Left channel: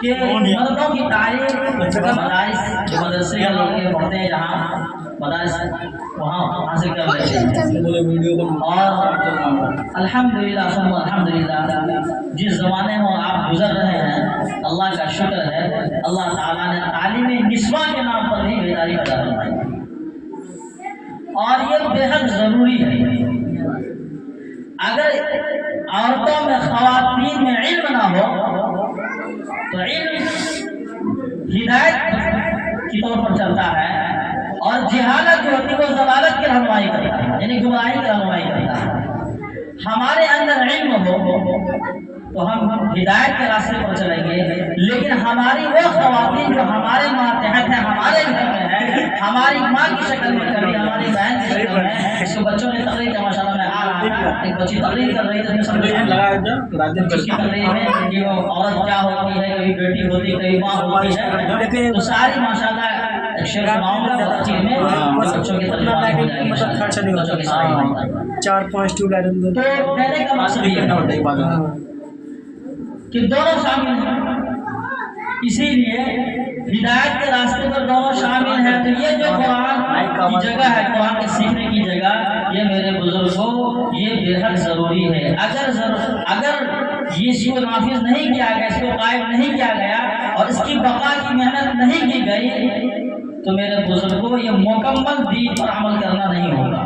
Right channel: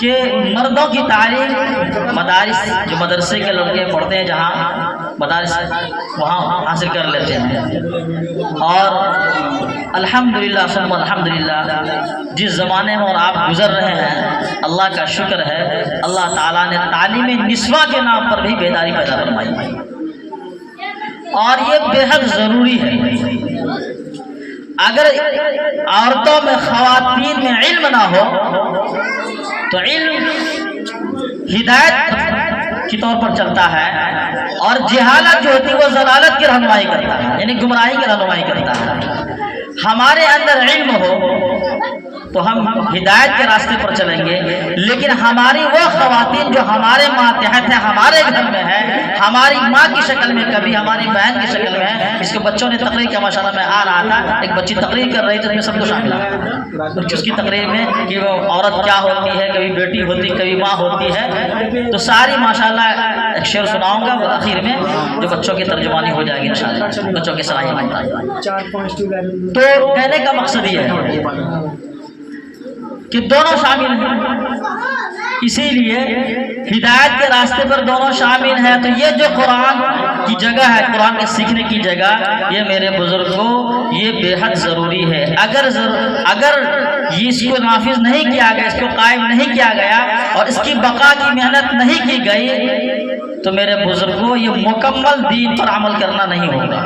کہ مردوں کی تعلیم مدارس جو مدرسے کے لڑکے پڑھتے ہیں جہاں مدارس وہاں حاصل کر لیتے ہیں، اور الحمدللہ ثم الحمدللہ جس زمانے میں اور آپ گزر رہے ہیں اللہ کا شکر ہے، اللہ تعالیٰ نے تعلیم نسواں کے نام پر بھی بیداری پیدا فرمائی، اور یہ بے حد ضروری ہے۔ اگر عورتوں میں خواتین میں علم نہ ہو تو علم ہدایت کی طور پر چلتا ہے، اور جہالت جو ہوتی ہے وہ ضلالت کی رہنمائی کرتا ہے، یعنی گمراہی کی رہنمائی کرتا ہے۔ ہمارے اندر علم ہو تو ہم ہدایت کے راستے پر چلیں گے، لیکن ہماری وہ خواتین جو ہمارے ماتحت ہیں، ہمارے گھر میں ہے، ہماری ماں کی شکل میں، کبھی ہماری بہن کی شکل میں، اس کے بچوں نے تقریر کیا، ماشاءاللہ میں آ رہا تھا، ایک بچی تقریر کر رہی تھی، اس میں سب کچھ اس کی تقریر میں کہ وہ عورت کیا ہوتی ہے، کبھی بیٹی ہوتی، کبھی ماں ہوتی ہے، تو ساری ماشاءاللہ ایک شعر سناؤں گا اور آخر میں جو بچوں کی ترجمانی ہو جائے گی انشاءاللہ، بچوں کے ساتھ تو کہنے کا مقصد یہ ہے کہ دونوں شامل ہیں، اسی لیے ہدایت کے راستے پر دونوں شامل ہیں۔ تو یہ جو قرآن کی جگہ ہے، قرآن کے سیکھنے کی جگہ، یہ میرے بزرگوں یہ بے حد ضروری ہے۔ اگر اس کو نافذ نہیں کیا گیا، اس کو قائم نہیں کیا گیا، اور اس کی بقا کی محنت نہیں کی گئی، تو میرے بزرگوں یہ مکمل دین پر عمل کرنا نہیں ہوگا،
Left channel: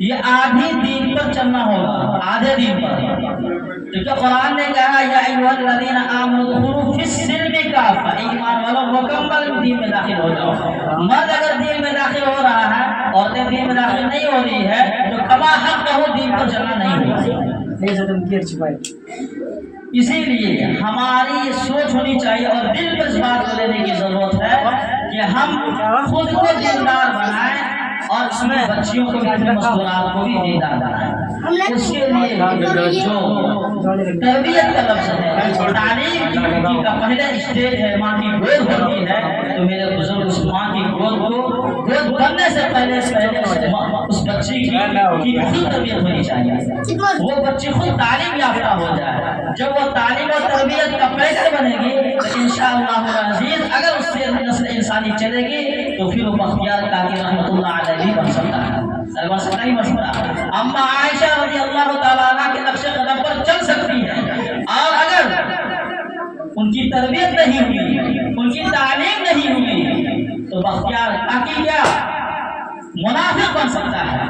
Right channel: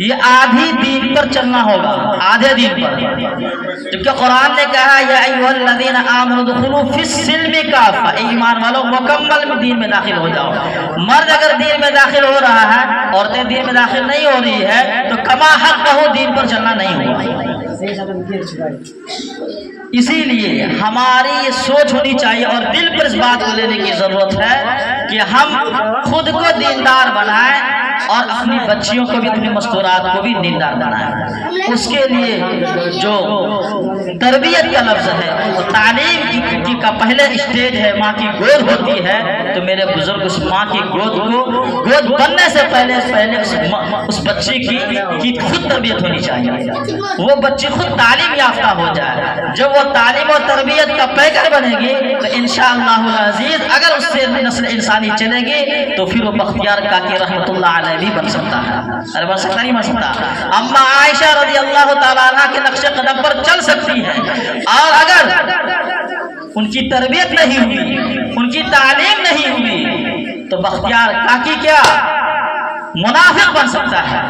یہ آدھی دین پر چلنا ہوگا، آدھے دین پر، کیونکہ قرآن نے کہا یا ایھا الذین آمنوا ادخلوا فی السلم کافہ، ایمان والو مکمل دین میں داخل ہو جاؤ۔ مرد اگر دین میں داخل ہو رہا ہے، عورتیں دین میں داخل نہیں ہو رہی ہے، تو کما حق ہو دین پر چلنا نہیں ہوگا۔ اسی لیے ہماری یہ سوچ ہونی چاہیے اور دل پر اس بات کو لینے کی ضرورت ہے کہ ہم خود کو دیندار بنائیں اور اپنی بچیوں کو بھی، اپنے مستورات کو بھی دیندار بنائیں۔ اس کے لیے جو تربیت کا لفظ ہے، تعلیم کی کا پہلے اسٹیج ہے، ماں کی گود ہوتی ہے، تو میرے بزرگ اس ماں کی گود بننے سے پہلے اس بچی کی خود تربیت ہونی چاہیے، وہ بچی خود تعلیم یافتہ ہو جائے۔ جب وہ تعلیم اور تربیت کا پیکر بنے گی تو انشاءاللہ العزیز اگر اس سے نسل انسانی چلے گی تو پھر وہ بختیار کاکی رحمۃ اللہ علیہ بھی بن سکتا ہے، ارے بن سکتا نہیں بن سکتا، اما عائشہ رضی اللہ تعالیٰ عنہ کے نقش قدم پر چل سکتی ہے، اور اگر ان کی تربیت نہیں ہوئی، ان کی تعلیم نہیں ہوئی، تو بختیار کاکی کیا منافق بن سکتا ہے،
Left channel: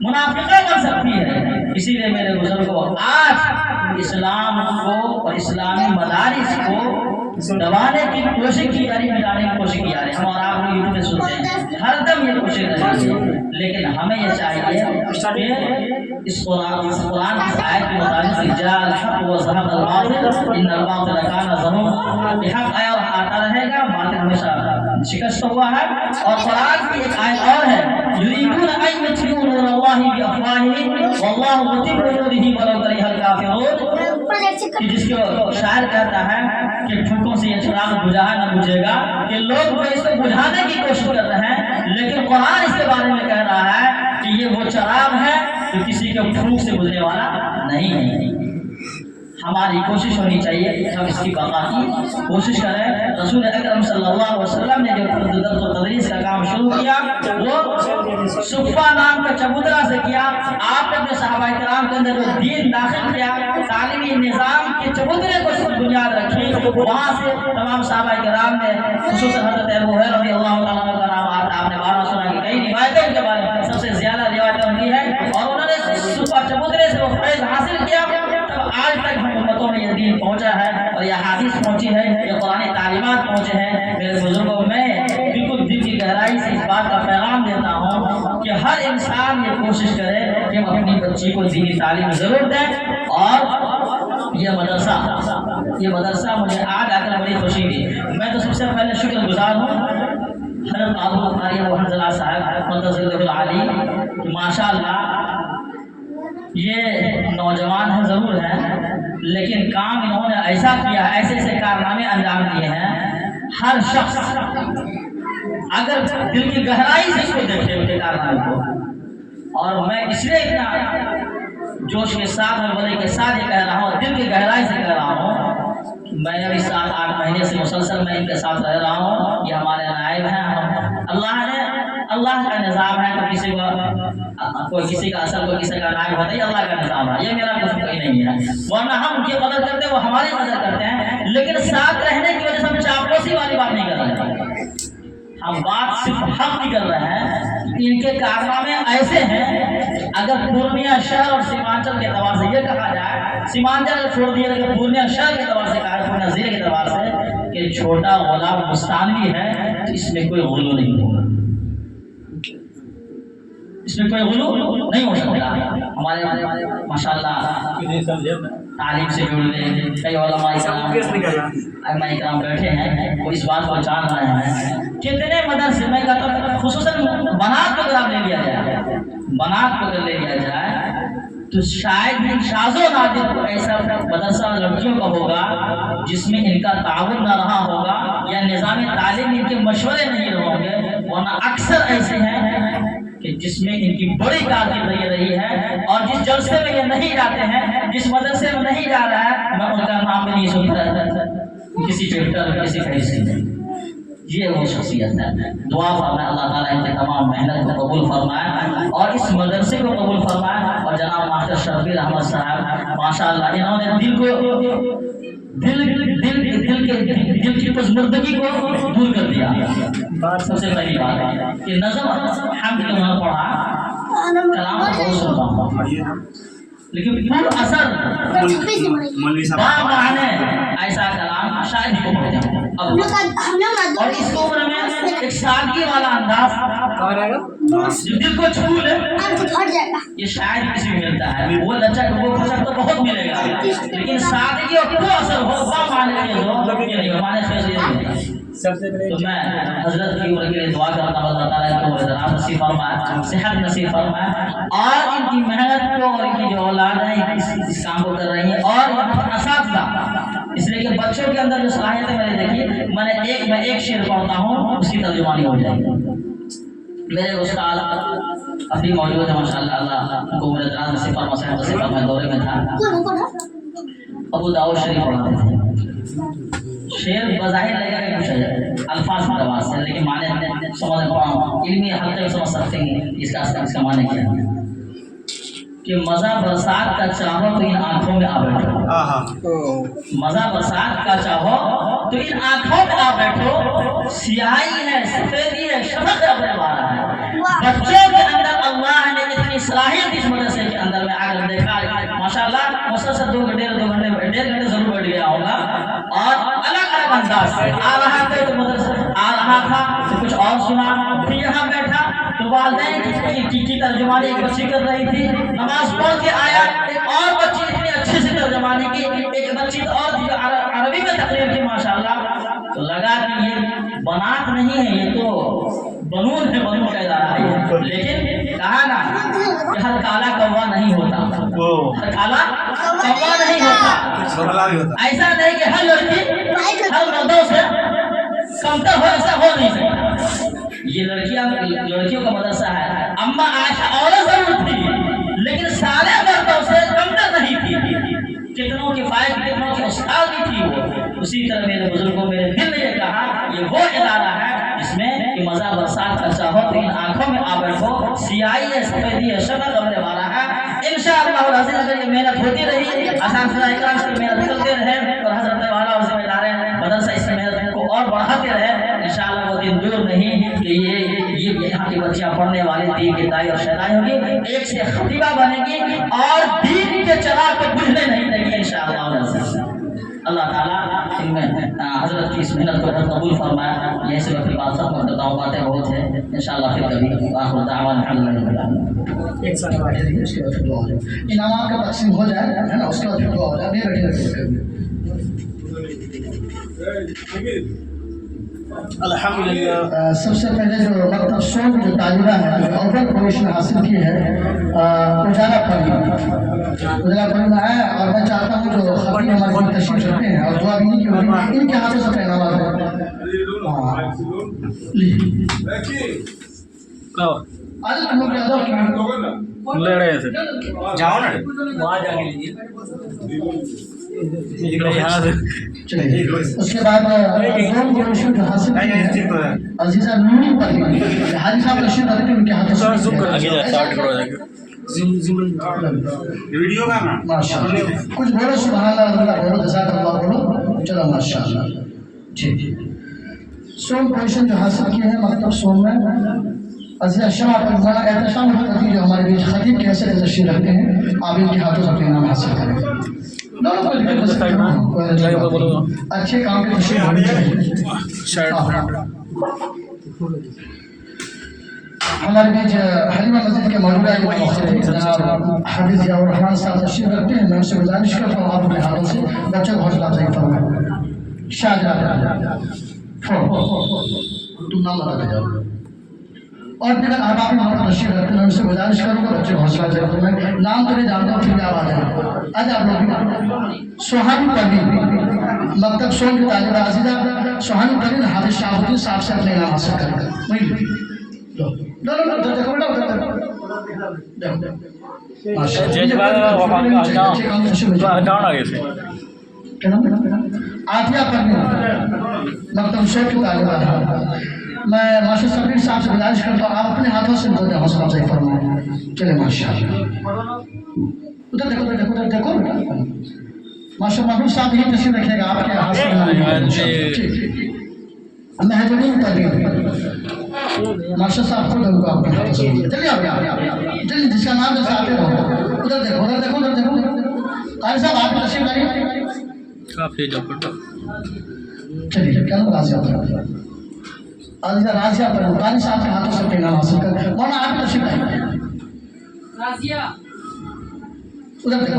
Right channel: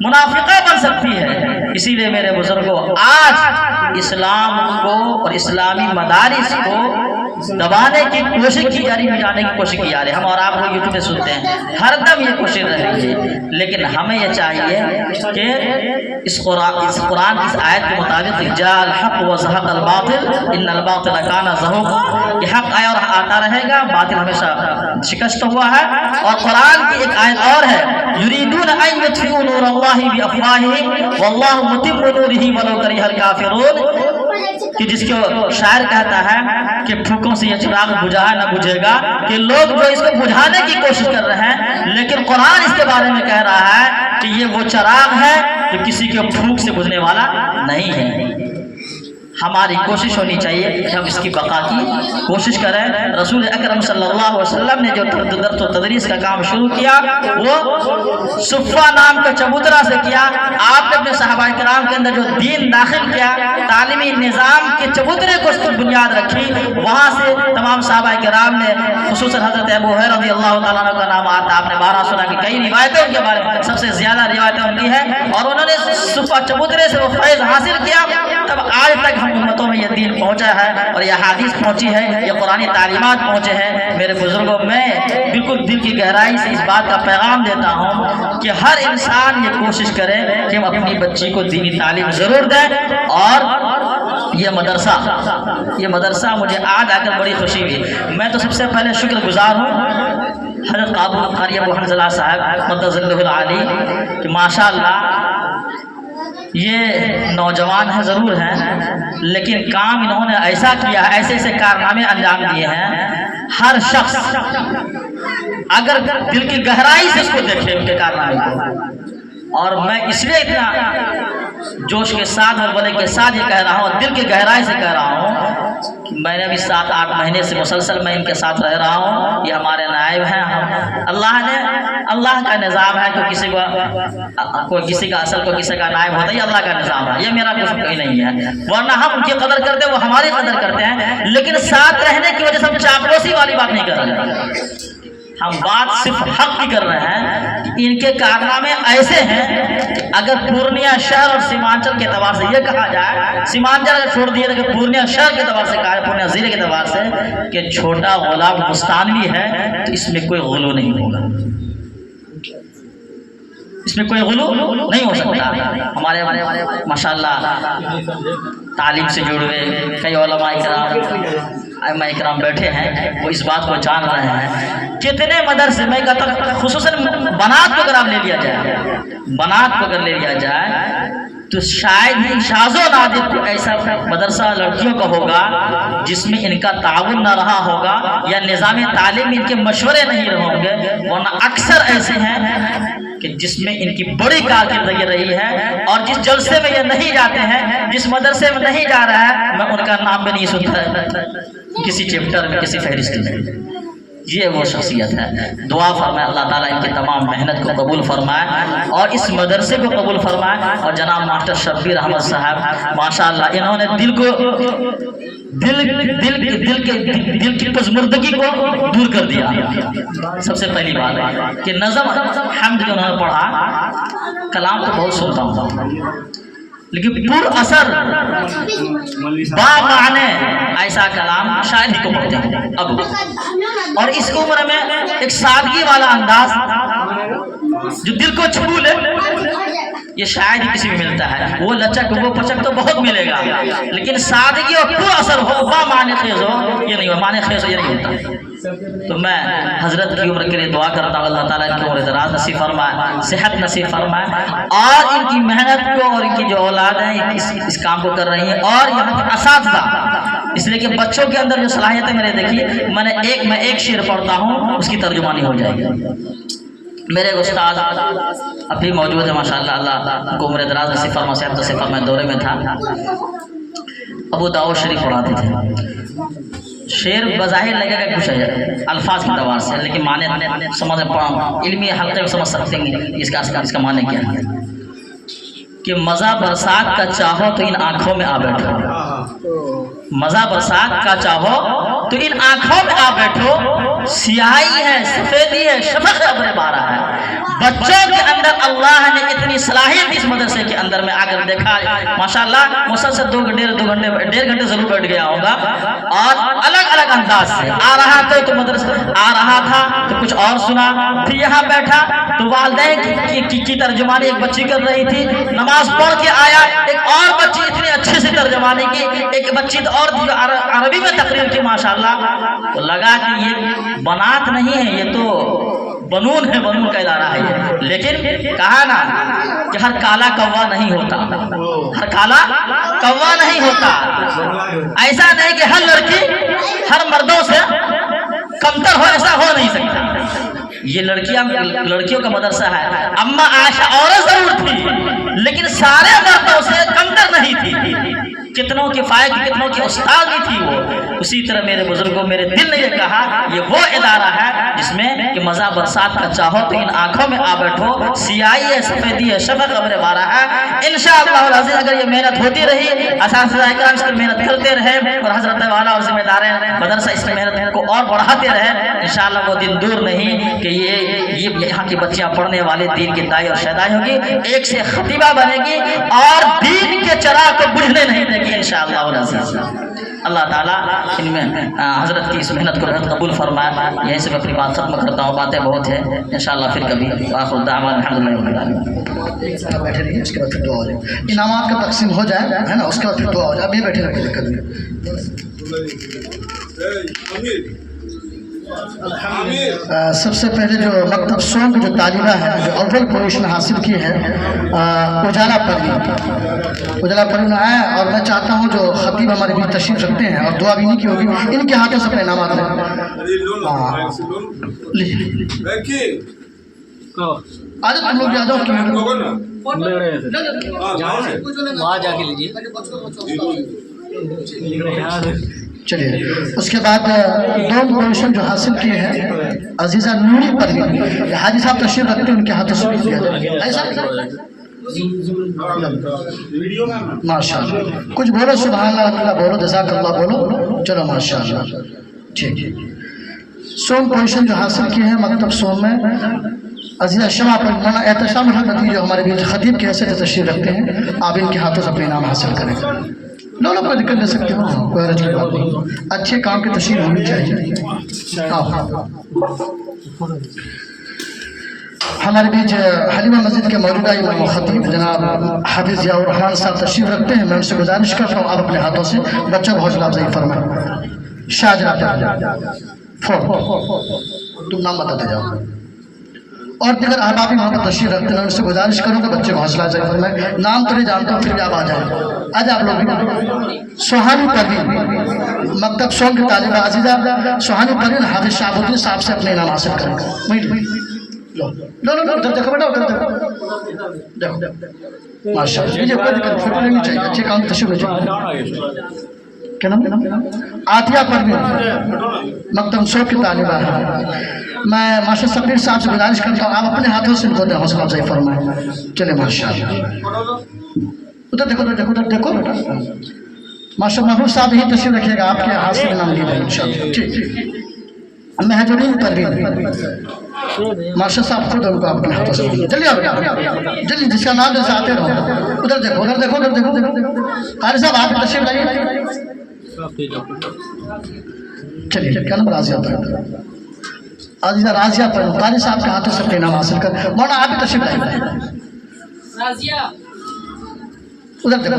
منافقہ بن سکتی ہے۔ اسی لیے میرے بزرگوں آج اسلام کو اور اسلامی مدارس کو دبانے کی کوشش کی جا رہی، مٹانے کی کوشش کی جا رہی ہے۔ ہم اور آپ لوگ یوٹیوب پہ سنتے ہیں، ہر دم یہ کوشش رہی ہے، لیکن ہمیں یہ چاہیے کہ اس قرآن کی آیت کے مطابق جاء الحق وزهق الباطل ان الباطل كان زهوقا، یہ حق آیا اور آتا رہے گا، باطل ہمیشہ شکست ہوا ہے۔ اور قرآن کی ایک آیت اور ہے یریدون ان یطفئوا نور اللہ بافواہہم واللہ متم نورہ ولو کرہ الکافرون، کہ جس کو شاعر کہتا ہے کہ پھوکوں سے یہ چراغ بجھا نہ بجھے گا، کہ لوگ جو اس کو بجھانے کی کوشش کر رہے ہیں، لیکن قرآن اس کے بارے میں کہہ رہا ہے کہ یہ وہ چراغ ہے جو کسی کے پھوک سے بجھنے والا نہیں ہے۔ ہماری کوشش ہونی چاہیے کہ ہم اس کی بقا کی کوشش کریں۔ رسول اکرم صلی اللہ علیہ وسلم نے جو درس و تدریس کا کام شروع کیا وہ صفہ نام کے چبوترا سے کیا۔ آپ نے اپنے صحابہ کرام کے اندر جو دین داخل کیا، تعلیمی نظام کے چبوترے کو اس پر بنیاد رکھی، وہاں سے تمام صحابہ کرام نے، خصوصاً حضرت ابو ہریرہ رضی اللہ تعالیٰ عنہ کا نام آتا، آپ نے بارہ سنا کہ کئی روایتیں ان کے بارے میں، سب سے زیادہ روایتیں ان کی ہیں، اور انہوں نے صفہ چبوترے سے وہ فیض حاصل کیا، تب آج تک ہم امتوں میں یہ دین پہنچا ہے اور یہ حدیث پہنچی ہے، یہ قرآنی تعلیمات پہنچے ہیں۔ میرے بزرگوں میں بالکل دل کی گہرائی سے اس بات کا پیغام دیتا ہوں کہ ہر انسان یہ کوشش کرے کہ ہم اپنی بچی کو دینی تعلیم ضرور دیں۔ اور یہ مدرسہ مجھے آج آ کر بڑی خوشی ہوئی۔ میں تو سب سے پہلے شکر گزار ہوں حضرت قابل قاری ابو حنظلہ صاحب قدس اللہ العالی کہ ماشاءاللہ یہ نوجوان ہیں ضرور ہیں، لیکن کام انہوں نے ایسا کیا، ایسے ایسے کارنامے انجام دیے ہیں، ہر شخص اگر دل کی گہرائی سے اس کو دیکھے ان کے کارنامے کو، اور میں اس لیے اتنا जोश के साथ और बड़े के साथ ये कह रहा हूँ, दिल की गहराई से कह रहा हूँ कि मैंने भी 7-8 महीने से मुसलसल मैं इनके साथ रह रहा हूँ। ये हमारे नायब हैं। अल्लाह का निज़ाम है, कोई किसी का असल, कोई किसी का नायब होता है, अल्लाह का निज़ाम है। ये मेरा कुछ कोई नहीं है, वरना हम उनकी कदर करते हैं, वो हमारी कदर करते हैं। लेकिन साथ रहने की वजह से हम चापलूसी वाली बात नहीं कर रहे हैं, हम बात सिर्फ हक की कर रहे हैं कि इनके कारनामे ऐसे हैं कि अगर पूर्णिया शहर और सीमांचल के एतबार से ये कहा जाए, सीमांचल अगर छोड़ दिया तो पूर्णिया शहर के एतबार से कहा, पूर्णिया जिले के एतबार से कि छोटा गुलाम मुस्तानवी है, तो इसमें कोई गुलू नहीं होगा, इसमें कोई गुलू नहीं हो सकता। हमारे माशाल्लाह तालीम से जुड़े हुए कई उलमा इकराम बैठे हैं, वो इस बात को जान रहे हैं। कितने मदरसे में खुसूसन बनात को अगर आप ले लिया जाए, बनात को अगर ले लिया जाए तो शायद ही शाज़ो नादिर को ऐसा मदरसा लड़कियों का होगा जिसमें इनका ताउन ना रहा होगा या निज़ाम तालीम इनके मशवरे नहीं होंगे, वरना अक्सर ऐसे हैं कि जिसमें इनकी बड़ी कारकर्दगी रही है। और जिस जलसे में ये नहीं जाते हैं, जिस मदरसे में नहीं जा रहा है, मैं उनका नाम भी नहीं सुनता किसी चैप्टर में, किसी फहरिस्त में। ये वो शख्सियत है। दुआ फरमाए अल्लाह ताला इनकी तमाम मेहनत को कबूल फरमाए और इस मदरसे को कबूल फरमाए। और जनाब मास्टर शब्बीर अहमद साहब माशाअल्लाह, इन्होंने दिल की पज़मुर्दगी को दूर कर दिया। सबसे पहली बात कि नज़म हम्द जो उन्होंने पढ़ा, कलाम तो बहुत सुनता हूँ, लेकिन पूरा असर बामाने ऐसा कलाम शायद ही को पहुंचा अब। और इसको उम्र में एक सादगी वाला अंदाज जो दिल को छू ले, ये शायद ही किसी में मिलता है। वो लचक, वो पचक तो बहुत मिलेगा, लेकिन सादगी और पूरा असर हो, बामाने खेज हो, ये नहीं हो, माने खेज हो, ये नहीं होता। तो मैं हजरत की उम्र के लिए दुआ करता हूँ, अल्लाह ताला इनकी उम्र दराज नसीब फरमाए, सेहत नसीब फरमाए और इनकी मेहनत को और इनकी जो औलाद है इस काम को कर रही है। और असातिज़ा, इसलिए कि बच्चों के अंदर जो सलाहियत है, मेरे देखिए मैं एक शेर पढ़ता हूँ, उसकी तर्जुमानी हो जाएगी। मेरे उस्ताद अभी मौजूद है माशाअल्लाह, अल्लाह को उम्र दराज नसीब फरमाए, सेहत नसीब फरमाए। दौरे में था, अबू दाऊद शरीफ पढ़ाते थे। शेर बज़ाहिर लगेगा कुछ है अल्फाज की तवार से, लेकिन माने समझ इल्मी हल्के में समझ सकते हैं इसका माने क्या है कि मज़ा बरसात का चाहो तो इन आँखों में आ बैठो, मज़ा बरसात का चाहो तो इन आँखों में आ बैठो, सियाही है, सफ़ेदी है, शफ़क़ अब्र बारा है। बच्चों के अंदर अल्लाह ने इतनी सलाहियत इस मदरसे के अंदर में आकर देखा है माशाअल्लाह। मुसलसल 2 घंटे 1.5 घंटे जरूर बैठ गया होगा और अलग अलग अंदाज से आ रहा था, तो मदरसा आ रहा था तो कुछ और सुना, फिर यहाँ बैठा तो वालिदैन की तर्जुमानी एक बच्ची कर रही थी, नमाज पढ़ के आया, एक और बच्ची इतनी अच्छे से तर्जुमानी की, एक बच्ची तो और अरबी में तकरीर की माशाअल्लाह। तो लगा कि ये बनात नहीं है, ये तो बनून है, बनून का इदारा है ये। लेकिन कहा ना कि हर काला कौवा नहीं होता, हर काला कौवा नहीं होता। ऐसा नहीं कि हर लड़की हर मर्दों से कमतर हो, ऐसा हो नहीं सकता। ये लड़कियों का मदरसा है। अम्मा आयशा औरत जरूर थी, लेकिन सारे मर्दों से कमतर नहीं थी। कितनों की फायद, कितनों की उस्ताद भी थी वो। उसी तरह मेरे बुजुर्गों, मेरे दिल ने ये कहा, ये वो इदारा है जिसमें कि मज़ा बरसात का चाहो तो इन आँखों में आ बैठो, सियाही है, सफ़ेदी है, शफ़क़ अब्र बारा है। इंशाअल्लाह अगर ये मेहनत होती रही, असातिज़ा इकराम इसकी मेहनत करते रहे और हज़रत वाला और ज़िम्मेदार मदरसा इसकी मेहनत को और बढ़ाते रहे, इंशाअल्लाह वो दिन दूर नहीं कि ये यहाँ की बच्चियाँ पढ़ने वाले दीन की दाई और शहदाई होगी, एक से खतीबा बनेगी और दीन के चराग को बुझने नहीं देगी इंशाअल्लाह। अल्लाह ताला इनमें हजरत की इस मेहनत को बहुत कबूल फरमाए। यहीं से मैं अपनी बात खत्म करता हूँ, बातें बहुत है, इंशाअल्लाह फिर कभी आखिर दावान अल्हम्दुलिल्लाह। एक साथ बैठे रहिए, उसके बाद फिर दुआ हो जाए, इनामात का तकसीम हो जाए है ना, उसके बाद फिर दुआ हो जाए। अभी बैठे रहिए, दिक्कत नहीं। सबसे पहले जो मकतब सोम जो तालिबा है, जो अव्वल पोजीशन हासिल की है, उजाला परवीन है। और मैं चाहता हूँ जो खतीब हमारे लिए तशरीफ रखते हैं और दुआ भी नहीं की होगी, इनके हाथों से इनामात है। आज तुम लोग जाओ ले रहे हैं जाओ ना वहाँ जाके लीजिए यहाँ से चलिए। उसके बाद दो पोजीशन जो हासिल किए हैं अजीजा नूरी पर हाजी साहब तशरीफ रखते हैं, उनके हाथों से आगे स्टार्ट करो जाके वीडियो का ना माशाल्लाह कुछ बोलो, सुभान अल्लाह बोलो, जज़ाकल्लाह बोलो, चलो माशाल्लाह ठीक है। सोम पोजीशन जो हासिल किए हैं मकतब सोम में अजीजा शमा पर मौलाना एहतशाम हक़ी जो हमारे बीच खतीब की हैसियत से तशरीफ रखते हैं, आप इनके हाथों से अपने इनाम हासिल करें। लो लो कोई दिक्कत नहीं सकते, कोई हर्ज की बात नहीं, अच्छे काम की तशरीफ होनी चाहिए। हमारे बीच हलीमा मस्जिद के मौजूदा इमाम खतीब जनाब हाफिज जियाउर रहमान साहब तशरीफ रखते हैं। मैं उनसे गुजारिश कर रहा हूँ आप अपने हाथों से बच्चों को हौसला अफजाई फरमाएं। शाहजहाँ तुम नाम बताते जाओ। और दिगर अहबाब वहाँ पर तशरीफ रखते हैं, उनसे गुजारिश करूँगा बच्चे को हौसला अफजाई फरमाएं। नाम तो नहीं जानता हूँ, फिर भी आप आ जाए। आज आप लोग सुहानी परवीन मकतब सोम की तालिबा अजीजा सुहानी परवीन हाफिज शाहबुद्दीन साहब से अपने इनाम हासिल करेंगे। लो लो लो उधर देखो बेटा, उधर देखो देखो माशाल्लाह क्या नाम आतिया परवीन मकतब सोम की तालिबा है। मैं मास्टर सफीर साहब से गुजारिश करता हूँ आप अपने हाथों से इनको हौसला अफजाई फरमाएं। चले माशाल्लाह उधर देखो उधर देखो उधर देखो बेटा। मास्टर महबूब साहब ही तशरीफ रखिएगा, आपके हाथ से ठीक। महजूरीन परवीन मास्टर साहब खुद उनको अपने हाथों से जल्दी आओ जल्दी, जिसका नाम जैसे आते रहो। उधर देखो उधर देखो उधर देखो देखो कारी साहब आप तशरीफ लाइए। चलिए क्या नाम राजिया पर आजिजा राजिया पर कारी साहब के हाथों से अपने नाम हासिल कर। मौना आप भी तशरीफ लाइए। उधर देखो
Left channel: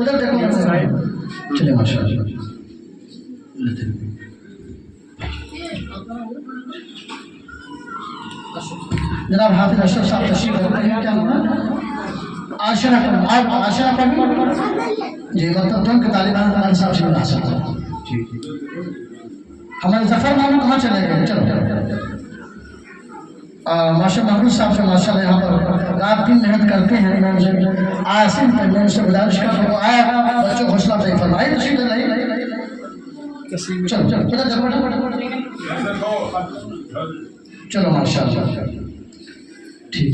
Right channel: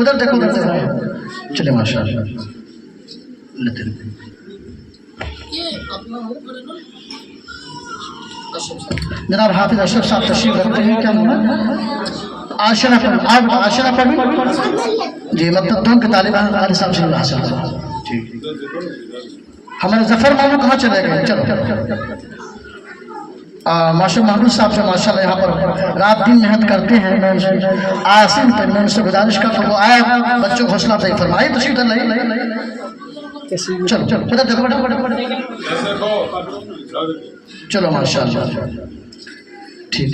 उधर देखो उधर देखो। चलिए माशाल्लाह जनाब हाफिज अशरफ साहब तशरीफ रखते हैं। क्या आशरा पर जी मतलब दोनों के तालिबान हमारे साहब से हासिल करो। हमारे जफर मामू कहाँ चले गए? चलो मास्टर महबूब साहब से माशाल्लाह यहाँ पर रात दिन मेहनत करते हैं। मैं आसिम पर मैं उनसे गुजारिश करता हूँ वो आया बच्चों को हौसला अफजाई फरमाइए। तशरीफ लाइए चलो चलो बेटा देखो बेटा चलो माशाल्लाह ठीक।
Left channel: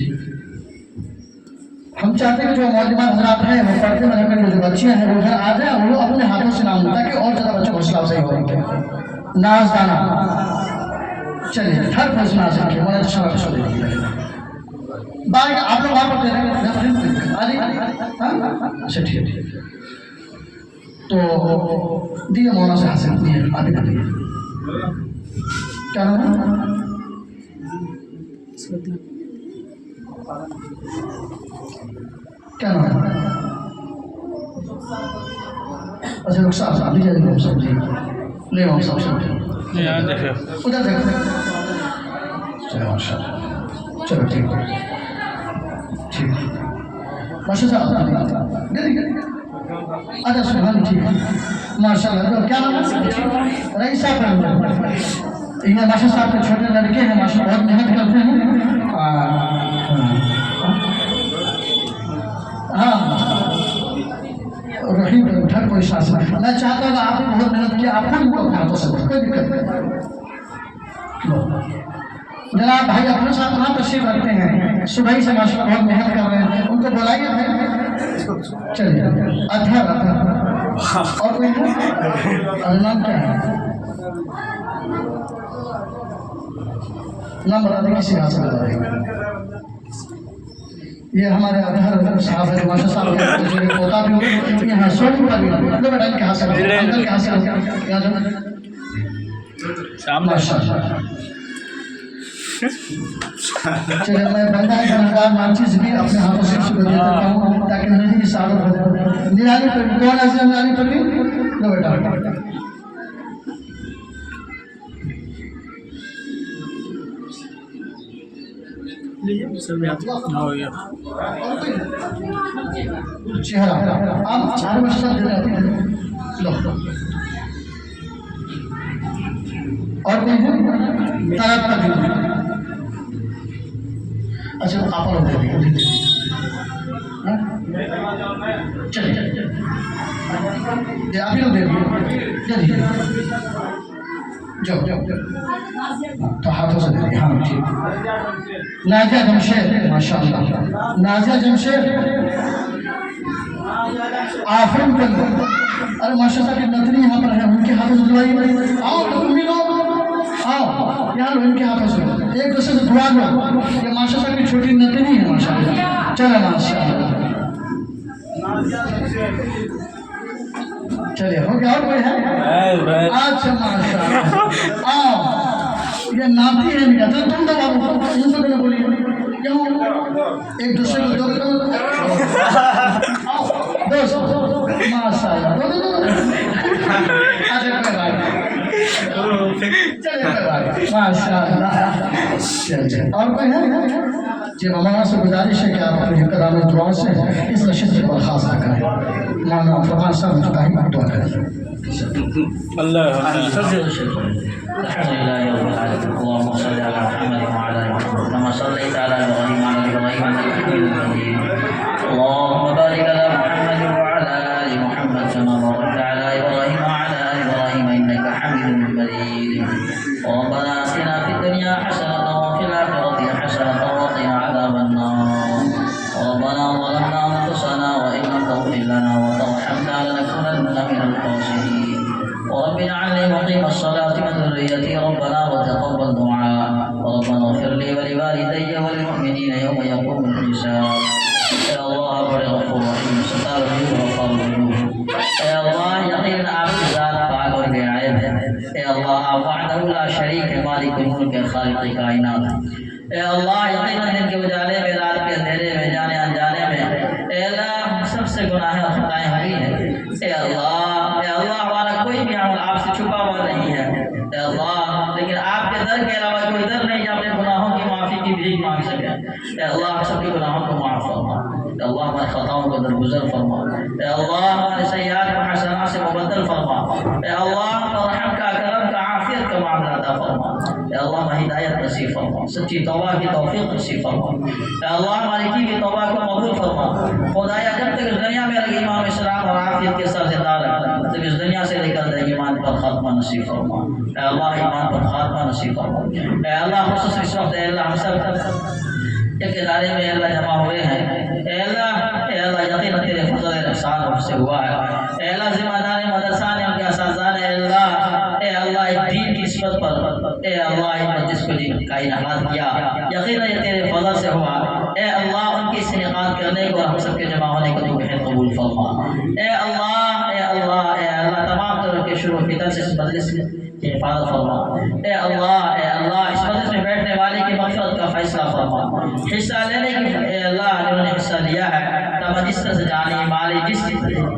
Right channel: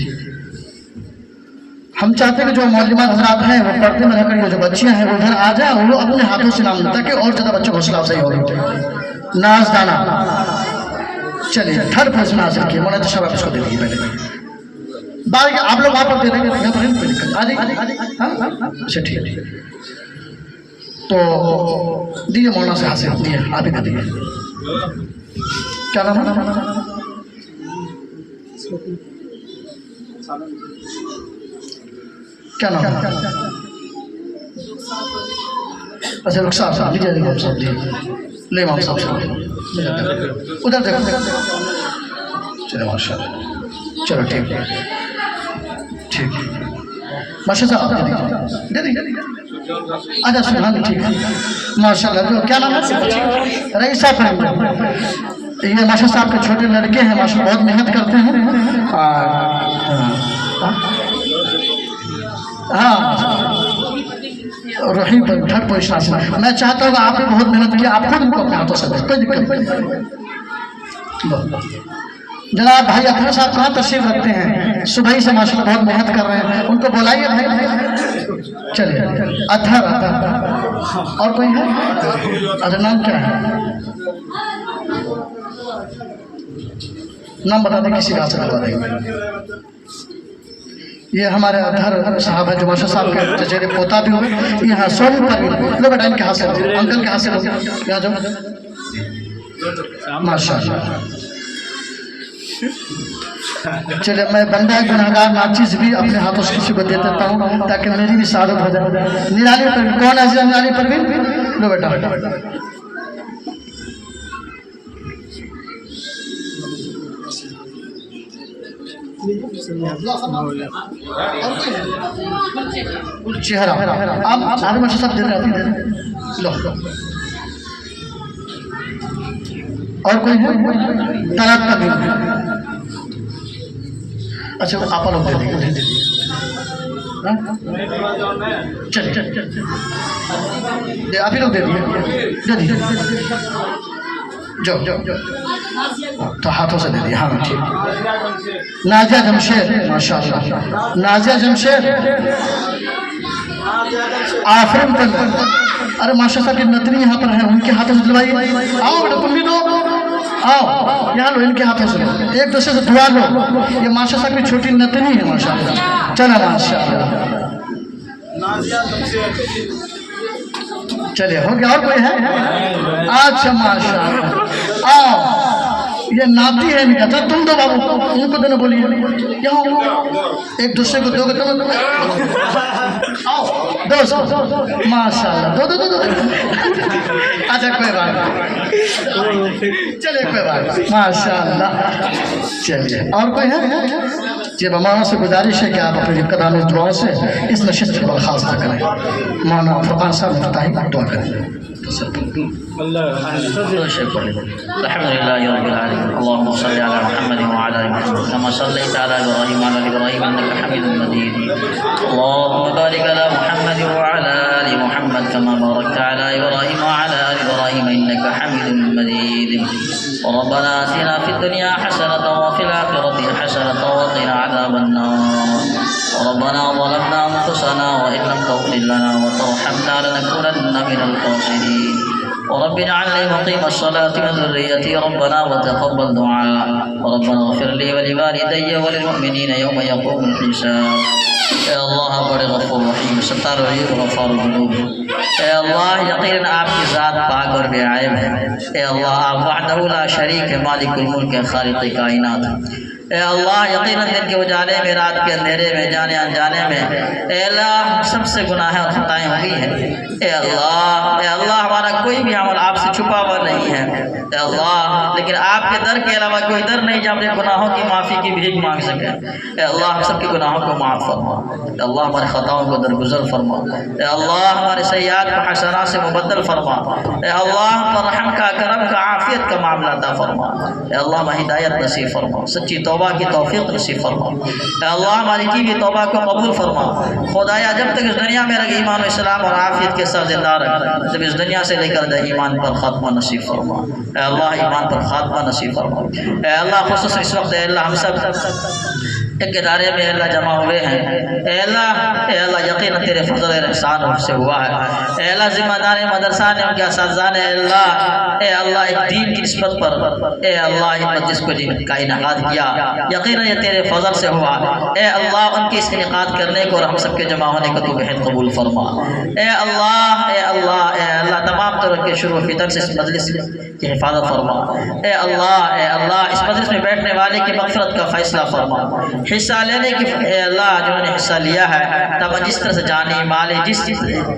हम चाहते हैं कि जो मौलवियात हज़रात हैं वो पर्दे में रहकर जो बच्चियाँ हैं वो इधर आ जाए और वो अपने हाथों से नाम ताकि और ज़्यादा बच्चों को हौसला अफजाई हो। नाजदाना चलिए थर्ड पर्सन हासिल किया। मोना तो शबाब इसको दे दीजिए पहले बाकी आप लोग वहाँ पर दे देंगे अच्छा ठीक है। तो दिए मौना से हासिल दिए आप ही दिए। क्या नाम है? क्या नाम है? अच्छा रुखसार साहब लीजिए इमाम साहब जी ले इमाम साहब से उधर देखो चलो माशाल्लाह चलो ठीक है ठीक माशाल्लाह अच्छा सुभान ठीक है माशाल्लाह। तो क्या नाम है? रईसा साहब ये माशा साहब के छोटे लड़के हैं माशा बहुत मेहनत करते हैं। हाँ रही थर्ड पोजीशन से मैं चाहता हूँ आपने बहुत मेहनत किया आप खुद इनको अपने हाथों से कोई दिक्कत नहीं। जनाब भाई अफरोज साहब कहाँ तशरीफ रखते हैं? सुबह ही से माशाल्लाह बहुत मेहनत कर रहे हैं, उनको बुलाइए भाई। चलिए अथर और कोई है? अरे नाम क्या है? नाम बता दें किसी का हाथ बता देंगे। ये हमारे अधर साहब है जो माशा साहब के चचेरे पोता भी हो यहाँ सोनू पर भी लो बेटा इनके हाथ से अंकल के हाथ से यहाँ जो माशाल्लाह। चलिए मैं बंदा गुनहगार नाचीज भी अपने हाथों से किसी को दे देता हूँ ताकि मेरी भी सादत हो जाए। निराली पर कौन है? निराली पर भी लो बेटा चेहरा आप सारे बच्चे सब दे रहे हैं। लो और कोई है? तालाब का अच्छा आप लोग दे दिए उधर हाँ? चलिए आप ही लोग दे दिए जाओ तो हाथों से दे दिए हाँ ठीक नाजिया जमशेद माशाअल्लाह नाजिया जमशेद आफरीन कर अरे माशाअल्लाह की नतनी यहाँ पर है उनके हाथों से दिलवाइए आओ बेटा तुम भी लो आओ यहाँ लो इनके हाथों से एक दूसरे से दुआ लो ये माशाअल्लाह की छोटी नतनी है माशाअल्लाह चलो माशाअल्लाह चलिए हो गया और कोई है अच्छा माशाअल्लाह आओ ये नाती है मेरा चल तुम दो बाबू उनको दोनों बोलिए यहाँ एक दूसरे को दोगे तुम आओ दो माशाअल्लाह दो अच्छा कोई बात चलिए कोई बात माशाअल्लाह चलिए और कोई है जी हमारा से गुजारिश है कि आप अपने कदम दुआ से इस नशिस्त को बर्खास्त करें मौलाना फरमान साहब मुफ्ताही दुआ करें अल्लाह अल्हम्दुलिल्लाह रब्बिल आलमीन अल्लाहुम्मा सल्लि अला मुहम्मद व अला आलि मुहम्मद कमा सल्लैता अला इब्राहीम व अला इब्राहीम इन्नका हमीदुम मजीद अल्लाहुम्मा बारिक अला मुहम्मद व अला आलि मुहम्मद कमा बारकता अला इब्राहीम व अला आलि इब्राहीम इन्नका हमीदुम मजीद रब्बना आतिना फिद दुनिया हसनतन व फिल आखिरति हसनतन व क़िना अज़ाबन नार ربنا ظلمنا أنفسنا وإن لم تغفر لنا وترحمنا لنكونن من الخاسرين ورب اجعلني مقيم الصلاة وذريتي ربنا وتقبل دعاء ربنا اغفر لي ولوالدي وللمؤمنين يوم يقوم الحساب اے اللہ بڑے غفور رحیم ستار علیہ غفار الذنوب اے اللہ یقینا آپ کی ذات پاک اور بے عیب ہے اے اللہ آپ وحدہ لا شریک مالک الملک خالق کائنات اے اللہ یقیناً دن کے اجالے میں رات کے اندھیرے میں جانے انجانے میں اے اللہ سب سے گناہ اور خطائیں ہوئی ہیں اے اللہ ہمارا کوئی بھی عمل آپ سے چھپا ہوا نہیں ہے اے اللہ لیکن آپ کے در کے علاوہ کوئی در نہیں جہاں اپنے گناہوں کی معافی کی بھیک مانگ سکے اے اللہ ہم سب کے گناہوں کو معاف فرما اے اللہ ہمارے خطاؤں کو درگزر فرما اے اللہ ہمارے سیئات کو حسنات سے مبدل فرما اے اللہ ہم پر رحم کا کرم کا عافیت کا معاملہ عطا فرما اے اللہ ہمیں ہدایت نصیب فرما سچی توبہ کی توفیق نصیب فرما اے اللہ ہماری کی بھی توبہ کو قبول فرما خدایا جب تک اس دنیا میں رکھ ایمان و اسلام اور عافیت کے ساتھ زندہ رکھ جب اس دنیا سے لے کر دے ایمان پر خاتمہ نصیب فرما اے اللہ ایمان پر خاتمہ نصیب فرما اے اللہ خصوصاً اس وقت اے اللہ ہم سب ایک ادارے میں اللہ جمع ہوئے ہیں اے اللہ یقیناً تیرے فضل اور احسان سے ہوا ہے اے اللہ ذمہ دار مدرسہ نے ان کے اساتذہ نے اے اللہ ایک دین کی نسبت پر اے اللہ جس کو دین کا انعقاد کیا یقیناً یہ تیرے فضل سے ہوا اے اللہ ان کی اس انعقاد کرنے کو اور ہم سب کے جمع ہونے کو تو بہت قبول فرما اے اللہ تمام طرح کے شروع فتن سے اس مجلس کی حفاظت فرما اے اللہ اس مجلس میں بیٹھنے والے کی مغفرت کا فیصلہ فرما حصہ لینے کی اے اللہ جنہوں نے حصہ لیا ہے تب جس طرح سے جانی مالی جس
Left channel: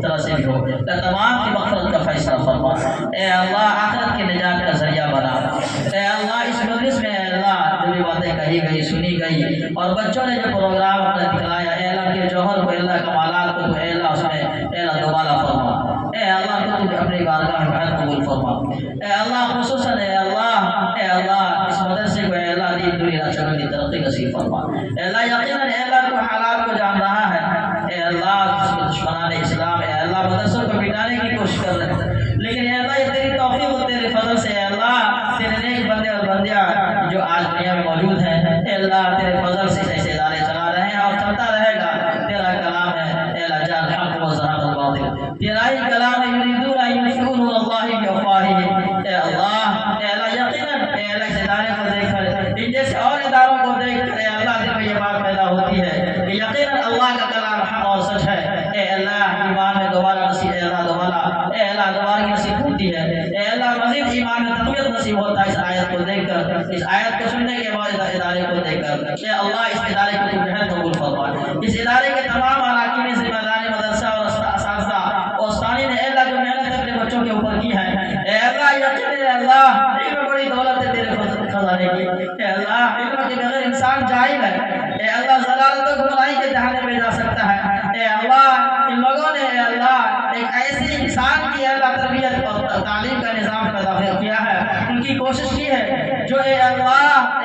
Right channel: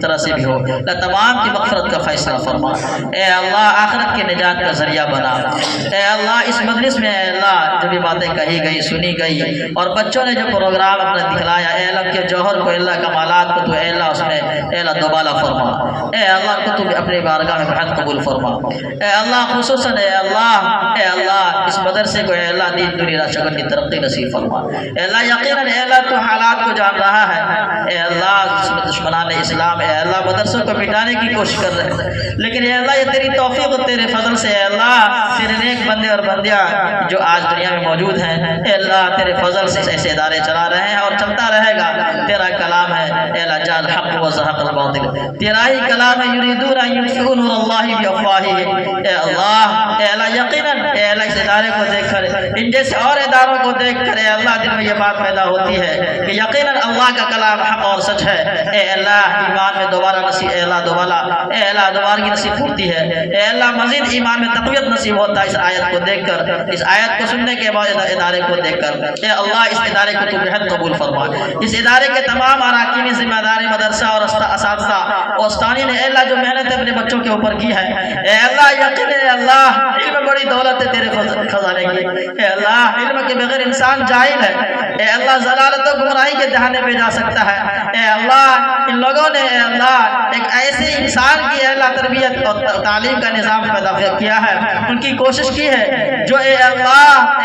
طرح سے بھی ہو تمام کی مغفرت کا فیصلہ فرما اے اللہ آخرت کی نجات کا ذریعہ بنا اے اللہ اس مجلس میں اے اللہ جو بھی باتیں کہی گئی سنی گئی اور بچوں نے جو پروگرام اپنا دکھلایا اے اللہ کے جوہر کو اللہ کمالات کو تو اے اللہ اس میں اے اللہ دوبالا فرما اے اللہ کو تو اپنی بارگاہ میں بہت قبول فرما اے اللہ خصوصاً اے اللہ اس مدرسے کو اے اللہ دین دنیا شکل کی ترقی نصیب فرما اے اللہ یقیناً اے اللہ تو حالات کو جان رہا ہے اے اللہ دشمنان اسلام اے اللہ مدرسوں کو مٹانے کی کوشش کر رہے ہیں لیکن اے اللہ یہ تیری توفیق اور تیرے فضل سے اے اللہ تیرے نیک بندے اور بندیاں جو آج دنیا میں موجود ہیں اے اللہ تیرے فضل سے ایسے ادارے چلا رہے ہیں اور چلتا رہے گا تیرا کلام ہے اے اللہ جان حق و زحق الباطل تیرا ہی کلام ہے یریدون ان یطفئوا نور اللہ بافواہہم اے اللہ یقیناً اے اللہ اس ادارے کو دیکھ کر ان جیسے اور اداروں کو دیکھ کر اے اللہ دل میں یہ بات پیدا ہوتی ہے کہ یقیناً اللہ کا کلام حق اور سچ ہے اے اللہ ایمان میں دوبارہ نصیب اے اللہ دوبارہ کی نصیب ہوتی ہے اے اللہ مزید ایمان میں تقویت نصیب ہوتا ہے اس آیت کو دیکھ کر اس آیت کو سننے کے بعد ادارے کو دیکھ کر اے اللہ اس ادارے کو تو بہت قبول فرما اس ادارے کے تمام اراکین ذمہ داری مدرسہ اور اساتذہ استانی نے اے اللہ جو محنت اپنے بچوں کے اوپر کی ہے اے اللہ یقین اے اللہ علم بڑی دولت ہے تیرے خزانے کی اے اللہ علم کے بغیر انسان جاہل ہے اے اللہ ضلالت و گمراہی کے دہانے پہ جا سکتا ہے اے اللہ ان لوگوں نے اے اللہ ایک ایسے انسان کی اے اللہ تربیت تعلیم کا نظام پیدا کیا ہے، ان کی کوشش کی ہے جو اے اللہ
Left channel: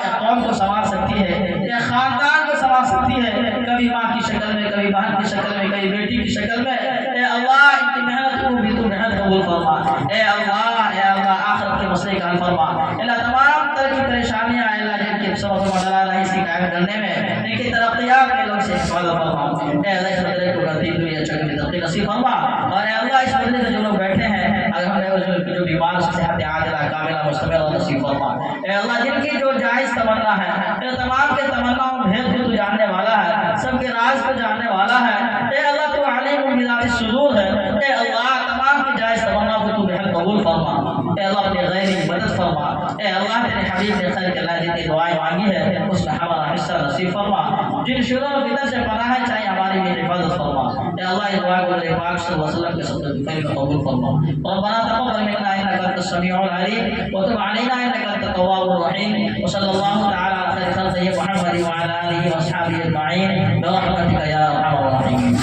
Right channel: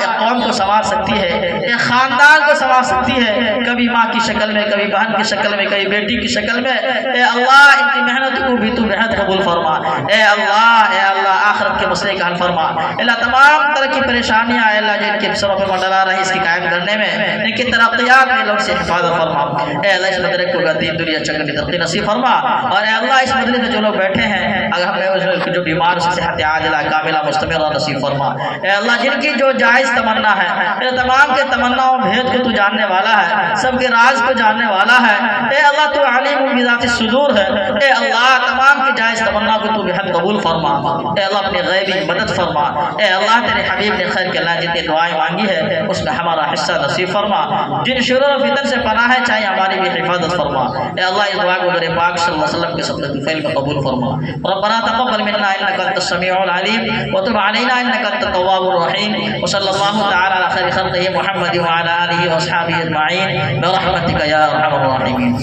ایک قوم کو سنوار سکتی ہے، ایک خاندان کو سنوار سکتی ہے، کبھی ماں کی شکل میں، کبھی بہن کی شکل میں، کبھی بیٹی کی شکل میں۔ اے اللہ ان کی محنت کو بھی تو بہت قبول فرما۔ اے اللہ آخرت کے مسئلے کا حل فرما۔ اللہ تمام طرح کی پریشانیاں اے اللہ جن کے سروں پہ منڈلا رہی اس کی قائم کرنے میں، ان کی ترقیات کے لوگ سے حفاظت فرما۔ اے اللہ اس مدرسے کو دین دنیا چنگ کی ترقی نصیب فرما۔ اور اے اللہ اس مدرسے میں جو لوگ بیٹھے ہیں اگر ہم جو بیمار صحت عاجلہ کاملہ مستمرہ نصیب فرما۔ اے اللہ جن کی جو جائز تمنا ہے، اے تمام کے تمناؤں بھید کو تو جاننے والا ہے، سب کے راز کو جاننے والا ہے۔ اے اللہ تو علیم بذات الصدور ہے۔ اے اللہ تمام کی جائز تمنا کو تو بحد قبول فرما۔ اے اللہ اپنی غیبی مدد فرما۔ اے اللہ تیرے حبیب نے خیر کے اللہ جن کی دعائیں مانگی ہے اس میں ہمارا حصہ نصیب فرما۔ جن شرور و فتن سے پناہ ہے چاہے ہماری بھی حفاظت فرما۔ اے اللہ اس دعا کو میرے پاک صلی اللہ علیہ وسلم کے صدقے الفعل میں قبول فرما۔ ربنا تقبل منا انك انت السميع العليم وتب علينا انك انت التواب الرحيم وصلى الله تعالى على خير خلقه محمد وعلى اله واصحابه اجمعين برحمتك يا ارحم الراحمين۔